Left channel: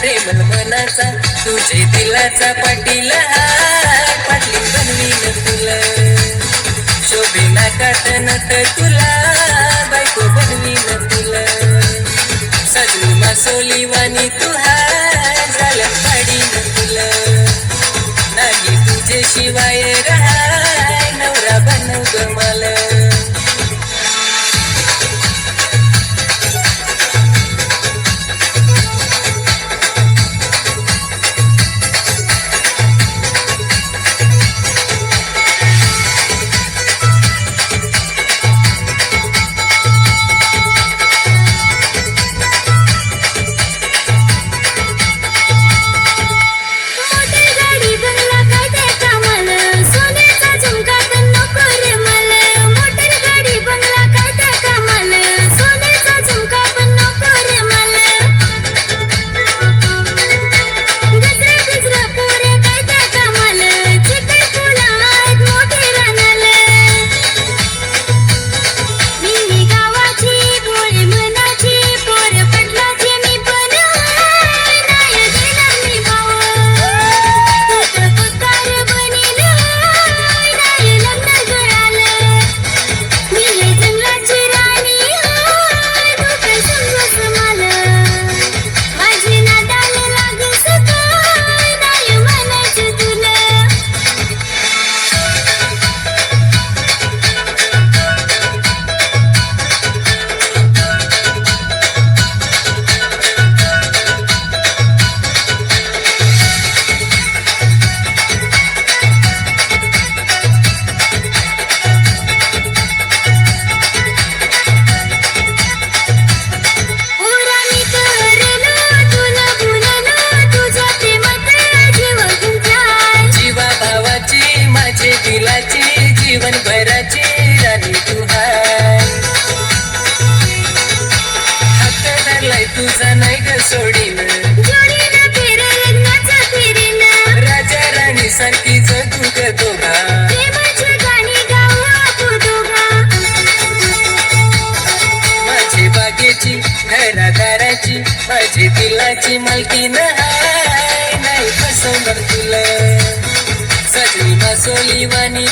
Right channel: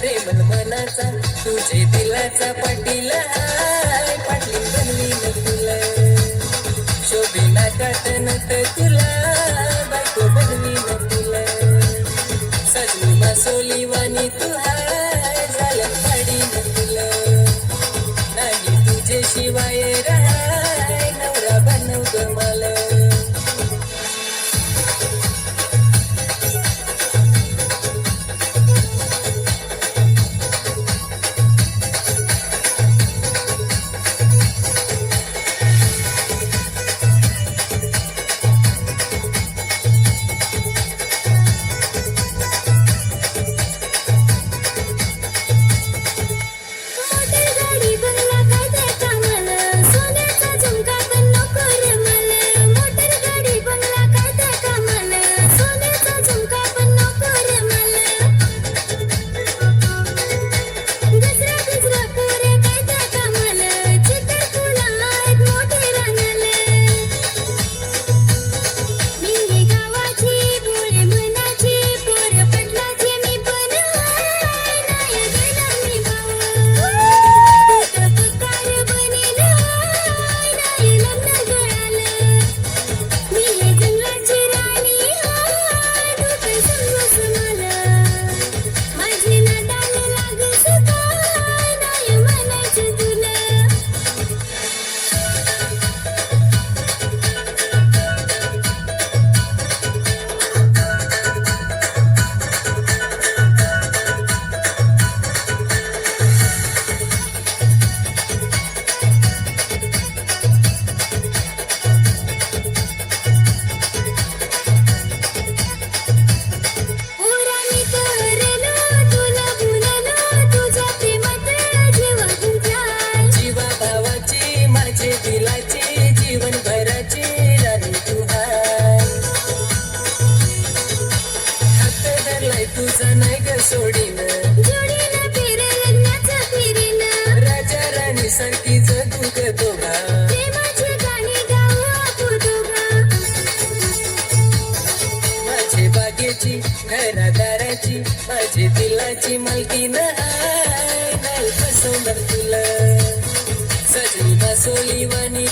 प्रेमल मनाचा तुझे दिलाचा पाटील हाय, पाटली बनवीन तुला शोभेना काटनत तुला, बायको बनवीन तुला सजनी मासोली वाणी तू हाय, झाल्या पाडीन तुला नाही तुझे शिवाय राहाय, नवरा बनव ग मला. तुझा नाही ग सोडीन, राजा राणी सारखी जगू ग दोघा, माझे बागेची घरादाराची माझे दिलाची मालकीन हाय, नाही फसवणार तुला सजनी मासोली वाणी.